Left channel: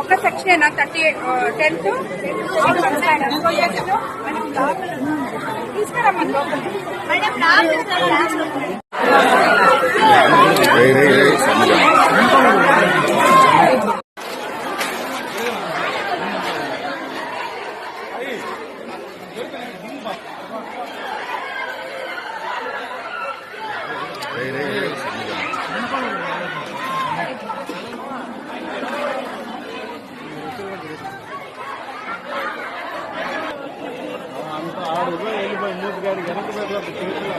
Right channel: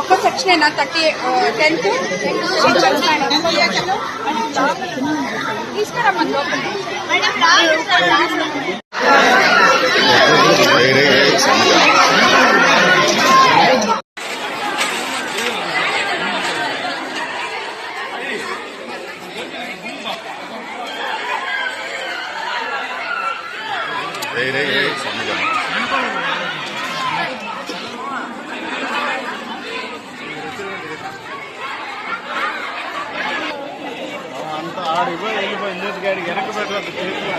ఒక సెక్షన్ అయినా thirty ten to ten రే రే రే సన్నగా. అంత ఆడు వెళ్ళిపోయి మూతి గాడి వెనక పెట్టలేదు చేతిలో.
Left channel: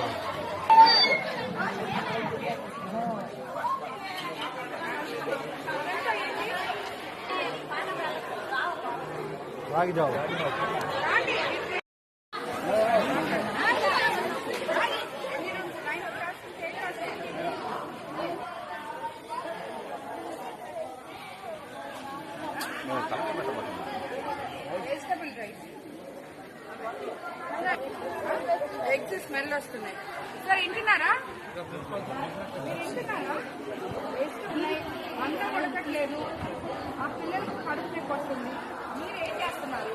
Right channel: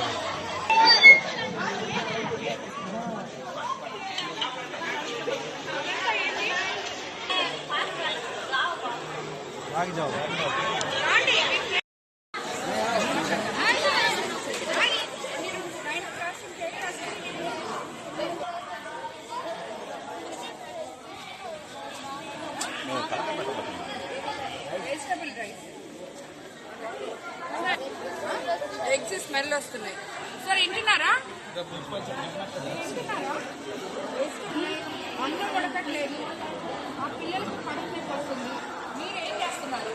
ఆడిపోయి వెళ్ళిపోయాడు వెజిటబుల్ రైస్ ఎగ్స్ స్మెల్ వస్తున్నాయి. సార్ వింటున్నారా? వింటున్నారా? వేస్తున్నాయి అన్నం ఉడకట్లేదు. ఆ పిల్లలకు కడుపు నొప్పి వస్తుంది. మీరు చేస్తున్నారు.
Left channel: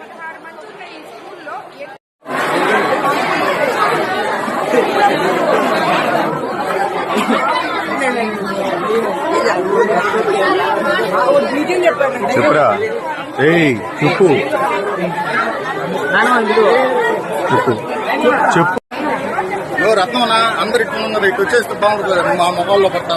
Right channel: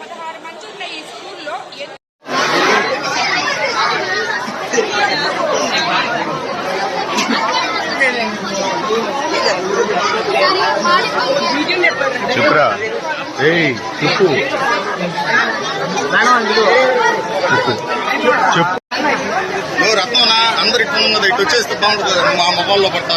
పదహారు ఈ స్కూల్లో చెప్పురా ఏయ్ చెప్పు. చెప్పు చెప్పు రత్నం అందరు ఇక్కడ ఉన్నది ఇటు వచ్చేస్తే బాగుంటుంది కదా మా మొబైల్లో పడతా.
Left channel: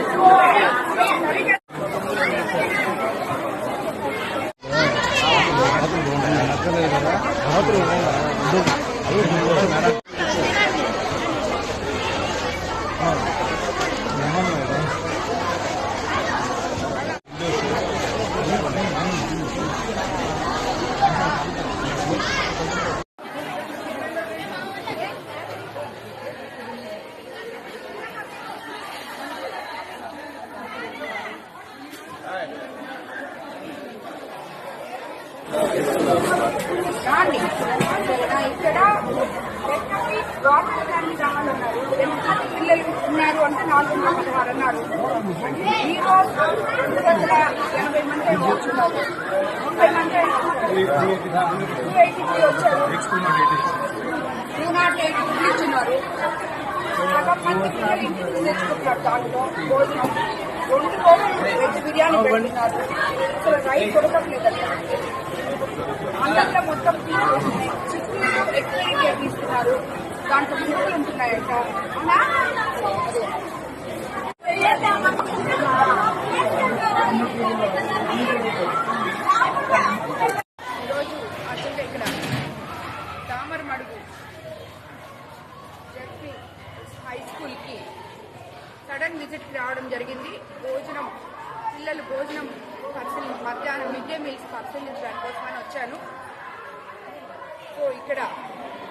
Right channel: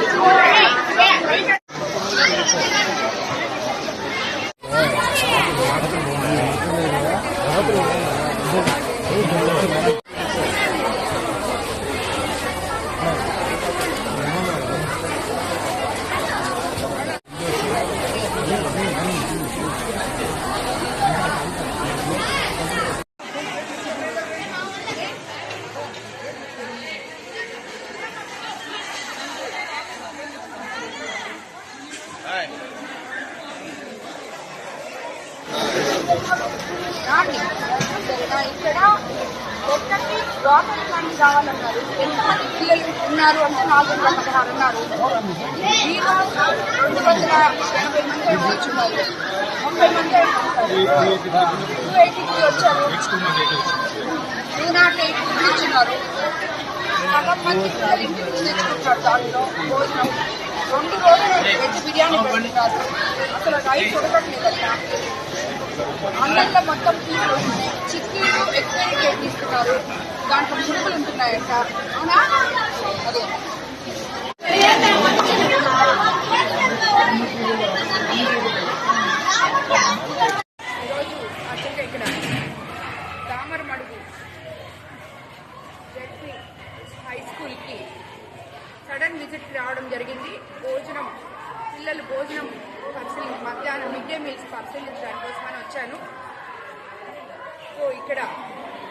ఇక్కడ ఎక్కడికి గవర్నమెంట్ కానీ కావాలన్నారు ఎంతమంది పిల్లలు ఉన్నారు అంటే నాలుగు వందల పదహారు ఉన్నారు. ఈ రెండు వందల ఎనభై మంది ఏమో వచ్చున్నారు ముప్పై మంది టూ ఎయిటీ త్రీ వచ్చారు. టూ నాట్ ఎయిట్ ఫుడ్ ఇచ్చున్నారు సగం మంది పిల్లలు ఇంటి నుంచి తెచ్చుకుంటారు దానిలో భోజనం. రెండు రోజులు వెజ్ బిర్యానీ పెడుతున్నారు. అసలు రైస్ ఉడకట్లేదట. అందరిలో మొత్తం తీసుకొస్తున్నాయి చిక్కీలు ఎక్స్పైరీ డేట్ ఇస్తున్నారు దాంట్లో పురుగులు ఉంటున్నాయట. అవునా? అదే. ఈరోజు అర్జెంట్గా ఇక్కడ తామర మడుగు జెడ్పీ హై స్కూల్కి సడన్ విజిట్కి రావడం జరిగింది. భోజనం పిల్లలు భోజనం పరిశీలి మధ్యాహ్నం మిడ్ డే మీల్స్ పరిశీలించడానికి కోసమని వచ్చాను. సో ఇక్కడ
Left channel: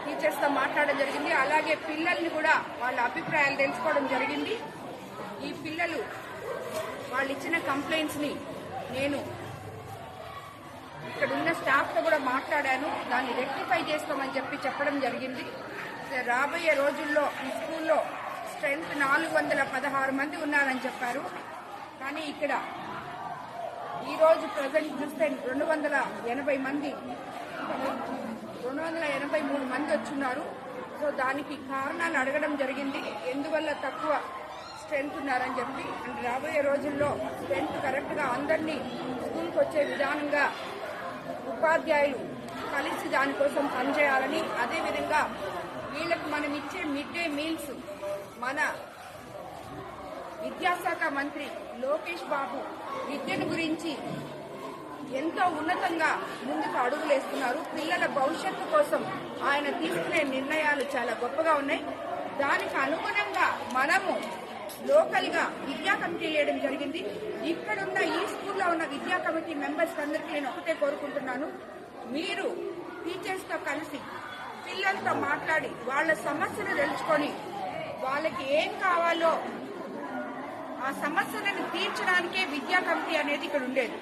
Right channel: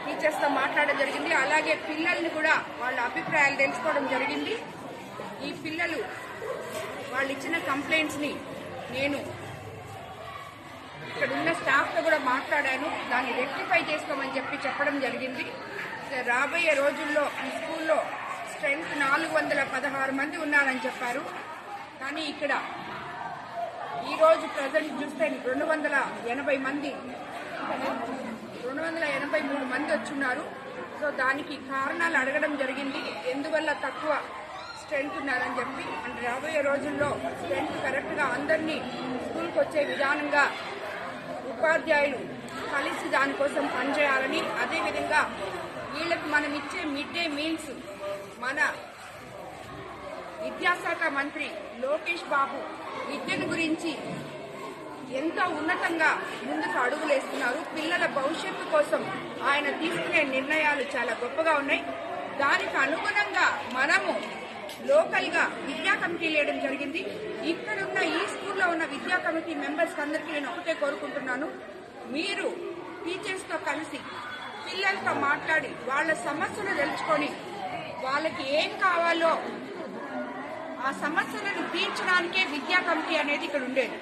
టీచర్స్తో మాట్లాడడం జరిగింది. అలాగే పిల్లల్ని కూడా వాళ్ళ అభిప్రాయాలు తెలుసుకోవడం జరిగింది. ఈ పిల్లలు వాళ్ళు ఇచ్చిన కంప్లైంట్స్ని నేను ఇక్కడ ఉన్న స్టాఫ్తో కూడా మాట్లాడాను. దాన్ని రెక్టిఫై చేసుకోమని చెప్పి చెప్పడం జరిగింది. రాబోయే రోజుల్లో ఈ స్కూల్లో స్ట్రెంత్ నాలుగు వందల పదహారు మంది ఉన్నారని చెప్పారు. కానీ ఇక్కడ ఈ రోజు ప్రజెంట్ చూస్తే రెండు వందల ఎనభై మంది రెండు వందల ఎనభై మూడు మంది వచ్చున్నారు. సో దానికి కారణాలు అడగడం జరిగింది. ఎందువల్ల తక్కువ స్ట్రెంత్ ఉన్నారని చెప్పి. అంటే రాబోయే రోజుల్లో స్ట్రెంత్ కరెక్ట్గా అందరినీ స్కూల్కి వచ్చే విధానంగా ఉపాధ్యాయులు కలిసి దానికోసం పనిచేయాలని అదేవిధంగా వీళ్ళకి మనం ఇచ్చే మిడ్ డే మీల్స్ మన విద్యాశాఖ మంత్రి లోకేష్ బాబు విద్యను గురించి ఎంతో ఉన్నతంగా ముందుకు అడుగులేస్తున్నారు. పిల్లల భవిష్యత్తు కోసం ఆయన తీసుకునే నిర్ణయాలు చాలా గొప్పగా ఉన్నాయి. దానికి అనుగుణంగా మనము లోకల్గా విద్యా కమిటీ వేయడం జరిగింది. ఇక్కడున్న ఈ స్కూల్లో ఉన్న విద్యా కమిటీ మెంబర్స్ అందరికీ నేను ఒకటే కోరుకుంటున్నాను. మీరు టీచర్స్తో కలిసి పిల్లలతో మాట్లాడి వాళ్ళ సమస్యలు తెలుసుకొని వాళ్ళకి ఏం కావాలో ఆ సమస్యలను తీర్చడానికే విద్యా కమిటీ అనేది ఇక్కడ ఉండేది.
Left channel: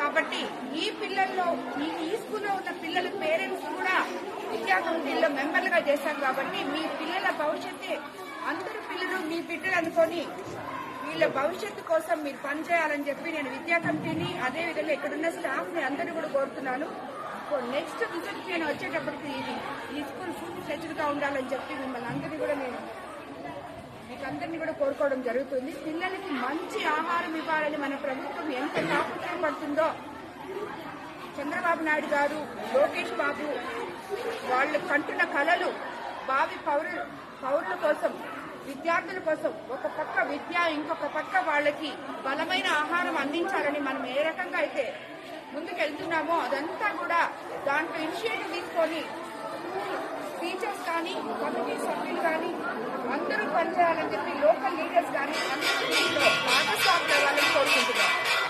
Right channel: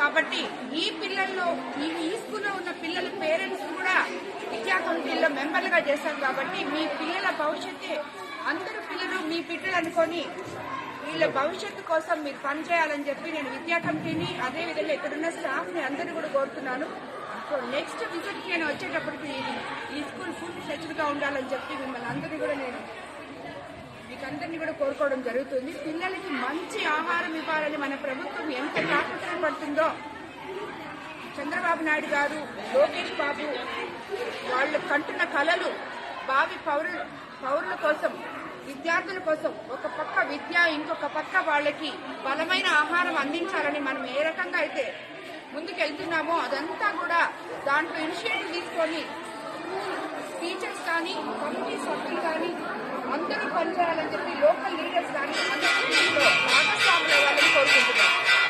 కాబట్టి ఈ పిల్లల్లో ఈ ఈ స్కూల్లో ఉన్న పిల్లల పేరెంట్స్ కూడా విద్యా కమిటీలో మెంబర్లుగా చేశారు కాబట్టి మీ పిల్లల భవిష్యత్తు అందరు పిల్లలు మీ బిడ్డలు అనుకొని వీళ్ళ భవిష్యత్తు కోసం మీరు పనిచేయాలని చెప్పి నేను విద్యా కమిటీని అదేవిధంగా ఇక్కడున్న స్టాఫ్ని అందరినీ కూడా కోరుతున్నాను. సో నెక్స్ట్ విజిట్ నేను వచ్చేటప్పటికి ఈ స్కూల్ పూర్తి సెచ్చుగా ఉండాలని చెప్పి మిమ్మల్ని అందరినీ కూడా నేను మీకు అందరినీ కూడా కోరుకోవడం జరుగుతుంది. పిల్లలకి మంచి ఆహారం ఇవ్వాలని మన ప్రభుత్వం ఎంత తాపత్రయపడుతుందో చంద్రబాబు నాయుడు గారు లోకేష్ బాబు వాళ్ళు కంటున్న కళలు భావి పౌరులు పౌరుల కోసం విద్యార్థుల కోసం ఒక పక్క విద్య ఇంకొక పక్క వాళ్ళకి బలమైన ఆహారం అందించాలని మనం ఏ రకంగా అయితే ముందుకెళ్తున్నామో అదంతా కూడా దాంట్లో ఇనిషియేటివ్ తీసుకొని టీచర్స్ కానీ కమిటీ సభ్యులు కానీ అందరూ పనిచేయాలని చెప్పి లోకల్ లీడర్స్ కానీ అందరూ భాగస్వాములు అవ్వాలని కోరుకుంటున్నాను